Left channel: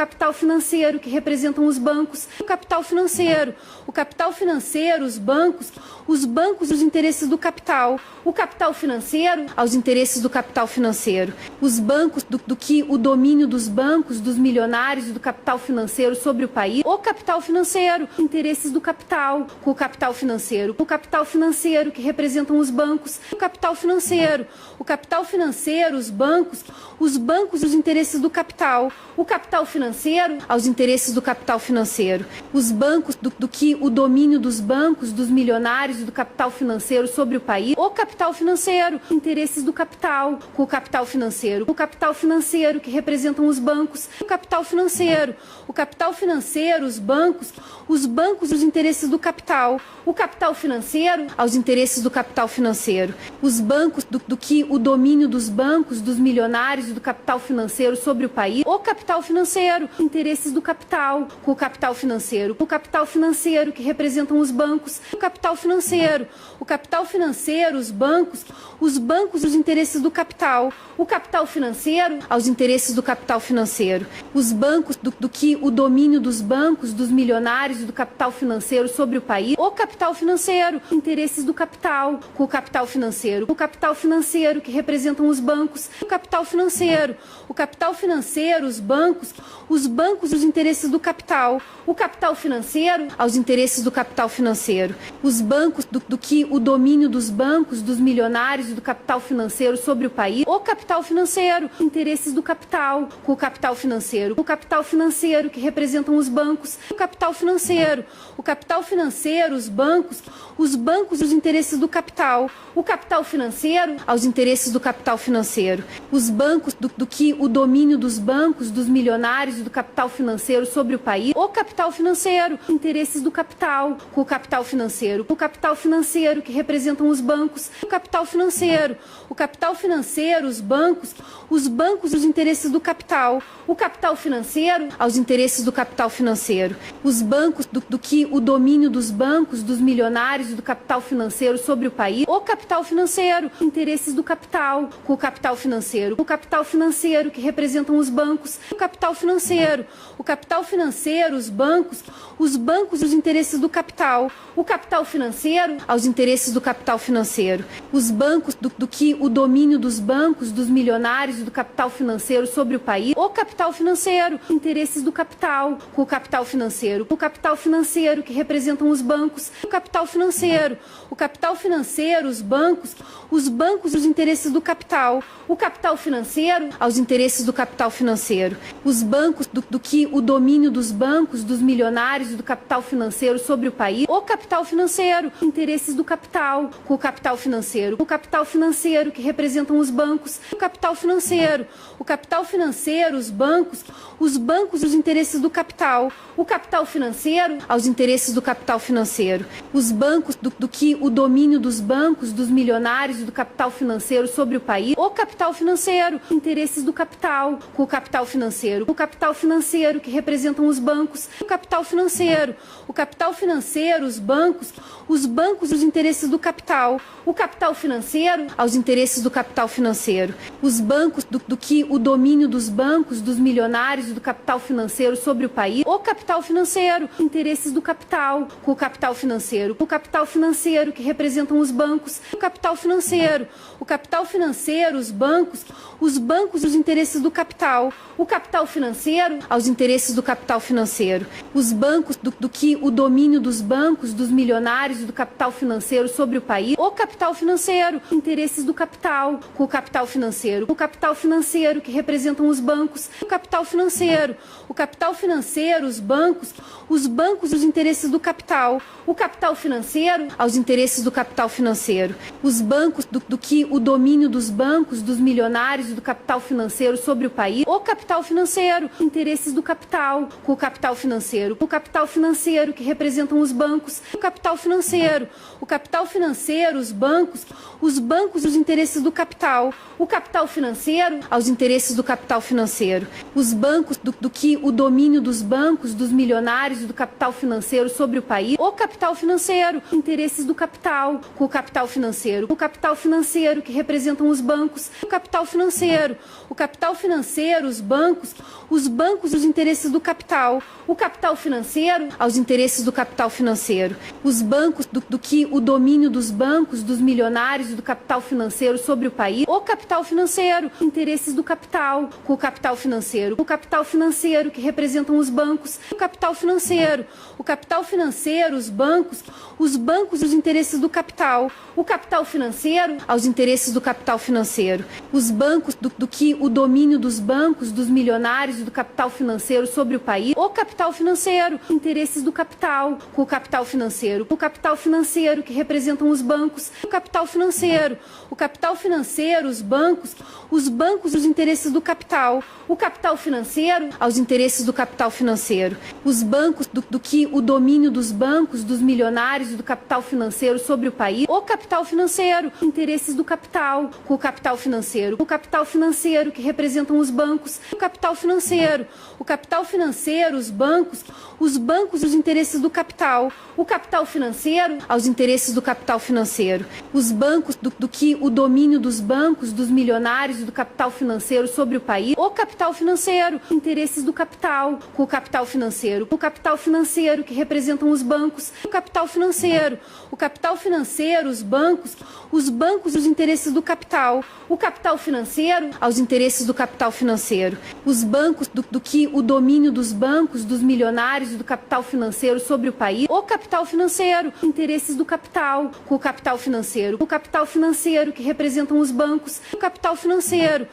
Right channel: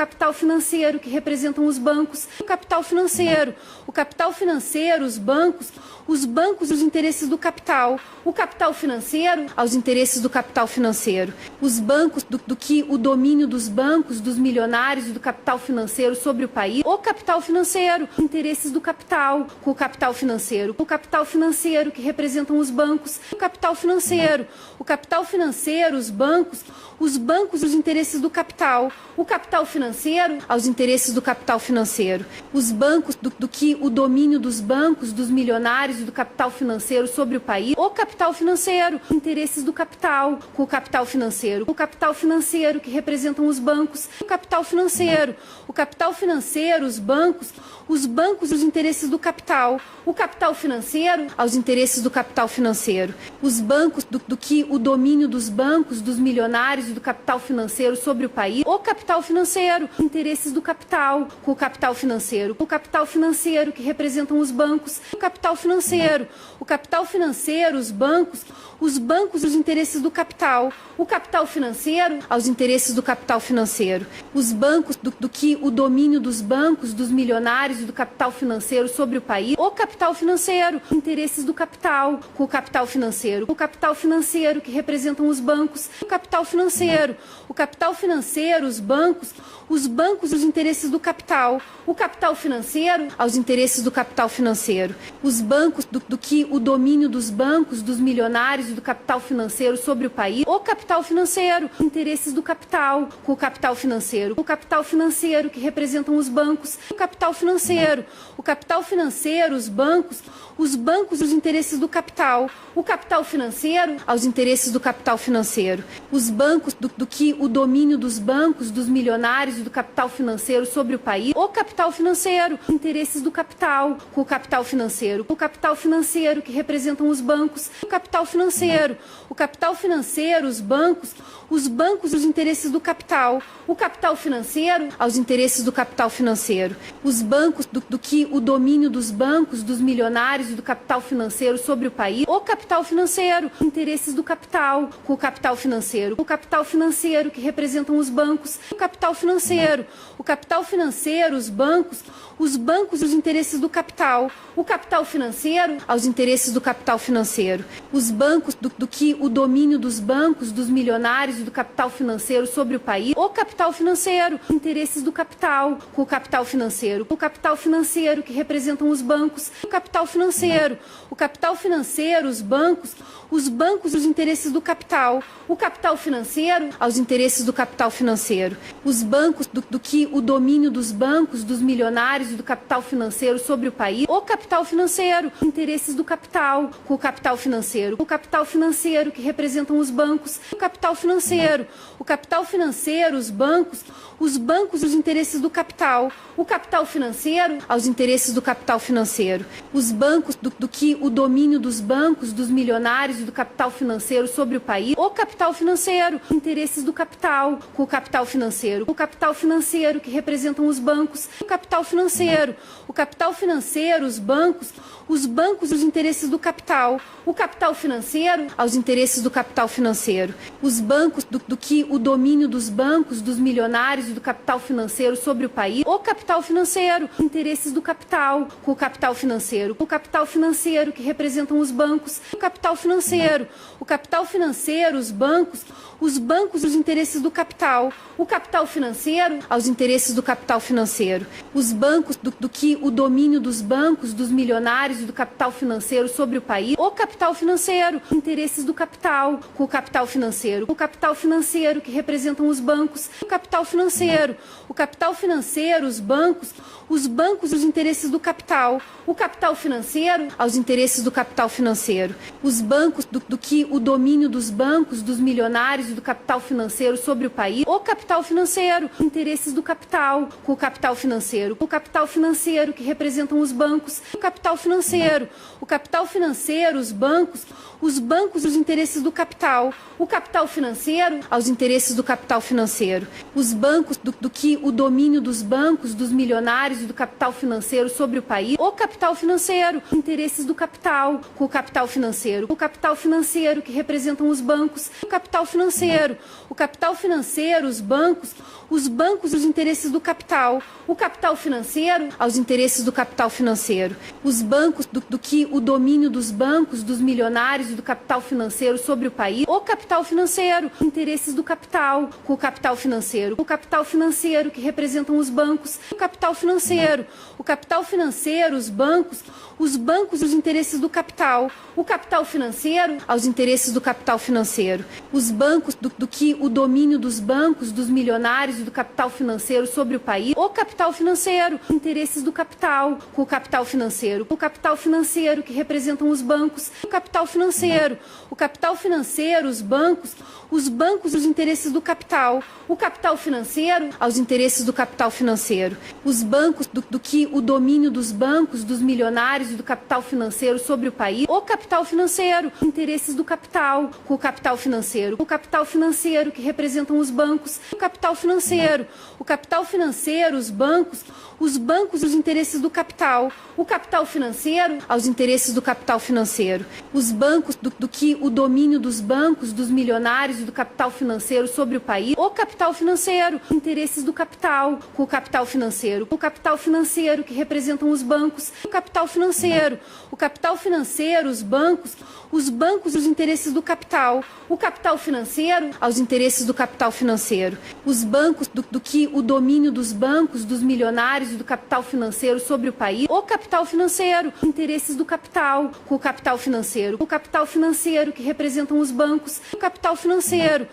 capital financeiro, que representam os bancos, o capital financeiro, os bancos, os interesses do capital, o capital financeiro, aos interesses do capital financeiro, os bancos, do que o domínio dos bancos, dos milionários e do capital financeiro sobre o país, o capital financeiro, interesses do capital, com o capital financeiro, que representam os bancos, o capital financeiro, os bancos, os interesses do capital, o capital financeiro, aos interesses do capital financeiro, os bancos, do que o domínio dos bancos, dos milionários e do capital financeiro sobre o país, o capital financeiro, interesses do capital, com o capital financeiro, que representam os bancos, o capital financeiro, os bancos, os interesses do capital, o capital financeiro, aos interesses do capital financeiro, os bancos, do que o domínio dos bancos, dos milionários e do capital financeiro sobre o país, o capital financeiro, interesses do capital, com o capital financeiro, que representam os bancos, o capital financeiro, os bancos, os interesses do capital, o capital financeiro, aos interesses do capital financeiro, os bancos, do que o domínio dos bancos, dos milionários e do capital financeiro sobre o país, o capital financeiro, interesses do capital, com o capital financeiro, que representam os bancos, o capital financeiro, os bancos, os interesses do capital, o capital financeiro, aos interesses do capital financeiro, os bancos, do que o domínio dos bancos, dos milionários e do capital financeiro sobre o país, o capital financeiro, interesses do capital, com o capital financeiro, que representam os bancos, o capital financeiro, os bancos, os interesses do capital, o capital financeiro, aos interesses do capital financeiro, os bancos, do que o domínio dos bancos, dos milionários e do capital financeiro sobre o país, o capital financeiro, interesses do capital, com o capital financeiro, que representam os bancos, o capital financeiro, os bancos, os interesses do capital, o capital financeiro, aos interesses do capital financeiro, os bancos, do que o domínio dos bancos, dos milionários e do capital financeiro sobre o país, o capital financeiro, interesses do capital, com o capital financeiro, que representam os bancos, o capital financeiro, os bancos, os interesses do capital, o capital financeiro, aos interesses do capital financeiro, os bancos, do que o domínio dos bancos, dos milionários e do capital financeiro sobre o país, o capital financeiro, interesses do capital, com o capital financeiro, que representam os bancos, o capital financeiro, os bancos, os interesses do capital, o capital financeiro, aos interesses do capital financeiro, os bancos, do que o domínio dos bancos, dos milionários e do capital financeiro sobre o país, o capital financeiro, interesses do capital, com o capital financeiro, que representam os bancos, o capital financeiro, os bancos, os interesses do capital, o capital financeiro, aos interesses do capital financeiro, os bancos, do que o domínio dos bancos, dos milionários e do capital financeiro sobre o país, o capital financeiro, interesses do capital, com o capital financeiro, que representam os bancos, o capital financeiro, os bancos, os interesses do capital, o capital financeiro, aos interesses do capital financeiro, os bancos, do que o domínio dos bancos, dos milionários e do capital financeiro sobre o país, o capital financeiro, interesses do capital, com o capital financeiro, que representam os bancos, o capital financeiro, os bancos, os interesses do capital, o capital financeiro, aos interesses do capital financeiro, os bancos, do que o domínio dos bancos, dos milionários e do capital financeiro sobre o país, o capital financeiro, interesses do capital, com o capital financeiro, que representam os bancos, o capital financeiro, os bancos, os interesses do capital, o capital financeiro, aos interesses do capital financeiro, os bancos, do que o domínio dos bancos, dos milionários e do capital financeiro sobre o país, o capital financeiro, interesses do capital, com o capital financeiro, que representam os bancos, o capital financeiro, os bancos, os interesses do capital, o capital financeiro, aos interesses do capital financeiro, os bancos, do que o domínio dos bancos, dos milionários e do capital financeiro sobre o país, o capital financeiro, interesses do capital, com o capital financeiro, que representam os bancos, o capital financeiro, os bancos, bancos e os interesses do capital, o capital financeiro aos interesses do capital financeiro, os bancos do que o domínio dos bancos, dos milionários e do capital financeiro sobre o país, o capital financeiro, interesses do capital com o capital financeiro que representam os bancos, o capital financeiro, os bancos e os interesses do capital, o capital financeiro aos interesses do capital financeiro, os bancos do que o domínio dos bancos, dos milionários e do capital financeiro sobre o país, o capital financeiro, interesses do capital com o capital financeiro que representam os bancos, o capital financeiro, os bancos e os interesses do capital, o capital financeiro aos interesses do capital financeiro, os bancos do que o domínio dos bancos, dos milionários e do capital financeiro sobre o país, o capital financeiro, interesses do capital com o capital financeiro que representam os bancos, o capital financeiro, os bancos e os interesses do capital, o capital financeiro aos interesses do capital financeiro, os bancos do que o domínio dos bancos, dos milionários e do capital financeiro sobre o país, o capital financeiro, interesses do capital com o capital financeiro que representam os bancos, o capital financeiro, os bancos e os interesses do capital, o capital financeiro aos interesses do capital financeiro, os bancos do que o domínio dos bancos, dos milionários e do capital financeiro sobre o país, o capital financeiro, interesses do capital com o capital financeiro que representam os bancos, o capital financeiro,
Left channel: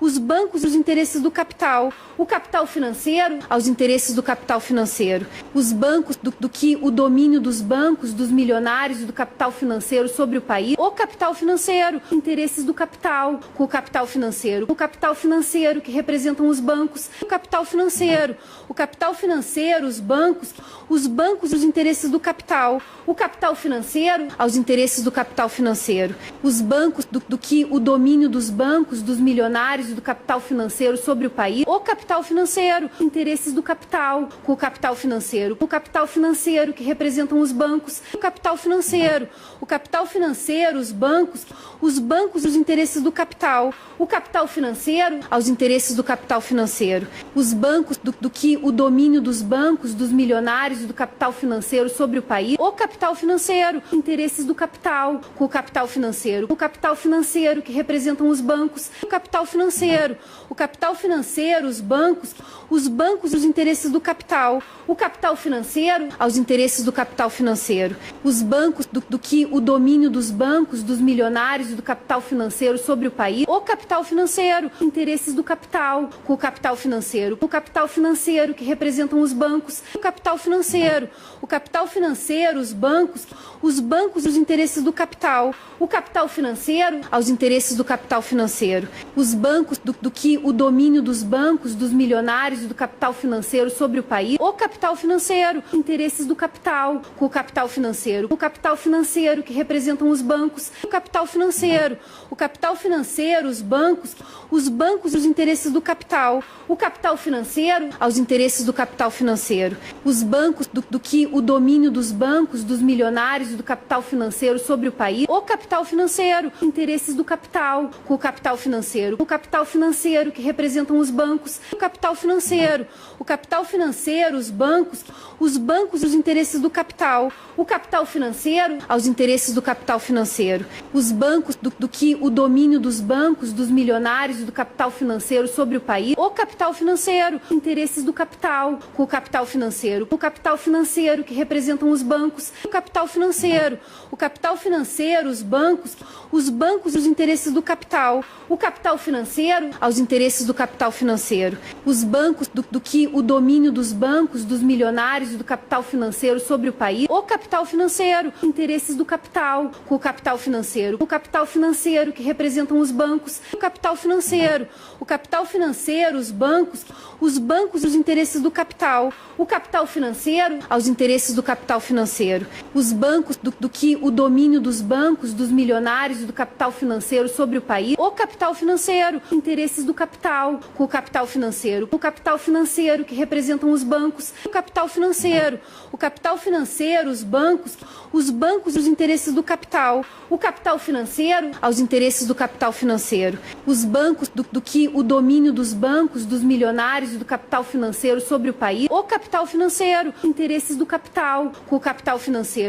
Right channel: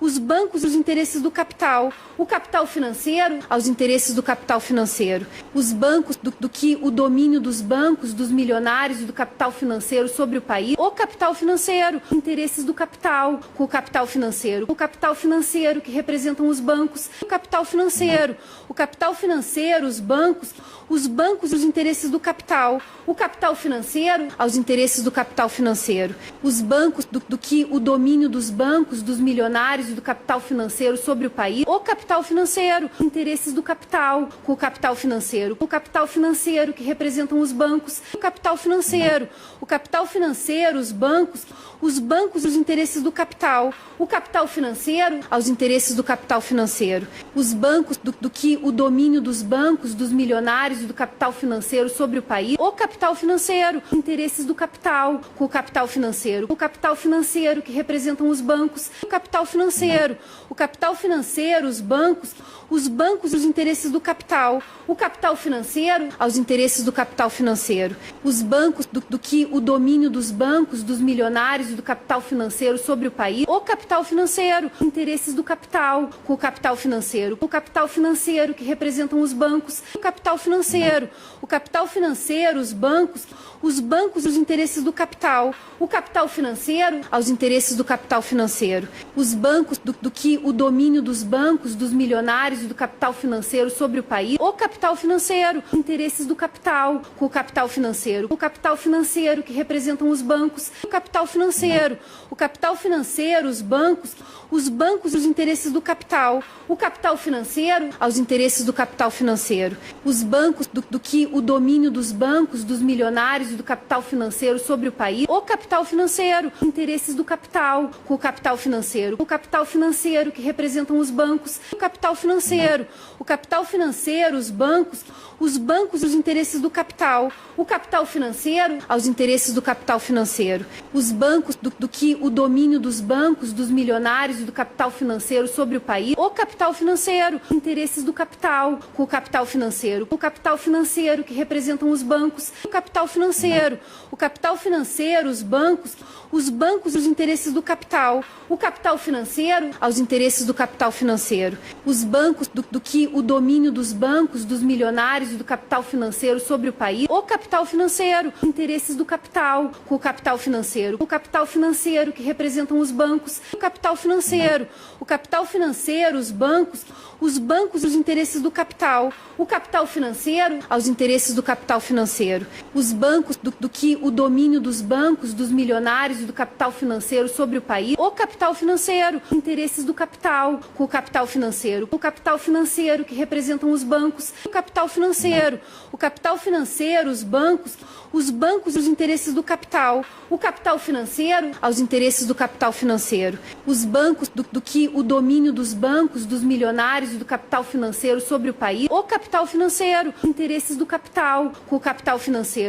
os bancos e os interesses do capital, o capital financeiro aos interesses do capital financeiro, os bancos do que o domínio dos bancos, dos milionários e do capital financeiro sobre o país, o capital financeiro, interesses do capital com o capital financeiro que representam os bancos, o capital financeiro, os bancos e os interesses do capital, o capital financeiro aos interesses do capital financeiro, os bancos do que o domínio dos bancos, dos milionários e do capital financeiro sobre o país, o capital financeiro, interesses do capital com o capital financeiro que representam os bancos, o capital financeiro, os bancos e os interesses do capital, o capital financeiro aos interesses do capital financeiro, os bancos do que o domínio dos bancos, dos milionários e do capital financeiro sobre o país, o capital financeiro, interesses do capital com o capital financeiro que representam os bancos, o capital financeiro, os bancos e os interesses do capital, o capital financeiro aos interesses do capital financeiro, os bancos do que o domínio dos bancos, dos milionários e do capital financeiro sobre o país, o capital financeiro, interesses do capital com o capital financeiro que representam os bancos, o capital financeiro, os bancos e os interesses do capital, o capital financeiro aos interesses do capital financeiro, os bancos do que o domínio dos bancos, dos milionários e do capital financeiro sobre o país, o capital financeiro, interesses do capital com o capital financeiro que representam os bancos, o capital financeiro, os bancos e os interesses do capital, o capital financeiro aos interesses do capital financeiro, os bancos do que o domínio dos bancos, dos milionários e do capital financeiro sobre o país, o capital financeiro, interesses do capital com o capital financeiro que representam os bancos, o capital financeiro, os bancos e os interesses do capital, o capital financeiro aos interesses do capital financeiro, os bancos do que o domínio dos bancos, dos milionários e do capital financeiro sobre o país, o capital financeiro, interesses do capital com o capital financeiro que representam os bancos, o capital financeiro, os bancos e os interesses do capital, o capital financeiro aos interesses do capital financeiro, os bancos do que o domínio dos bancos, dos milionários e do capital financeiro sobre o país, o capital financeiro, interesses do capital com o capital financeiro que representam os bancos, o capital financeiro, os bancos e os interesses do capital, o capital financeiro aos interesses do capital financeiro, os bancos do que o domínio dos bancos, dos milionários e do capital financeiro sobre o país, o capital financeiro, interesses do capital com o capital financeiro que representam os bancos, o capital financeiro, os bancos e os interesses do capital, o capital financeiro aos interesses do capital financeiro, os bancos do do que o domínio dos bancos, dos milionários e do capital financeiro sobre o país. O capital financeiro, os interesses do capital com o capital financeiro.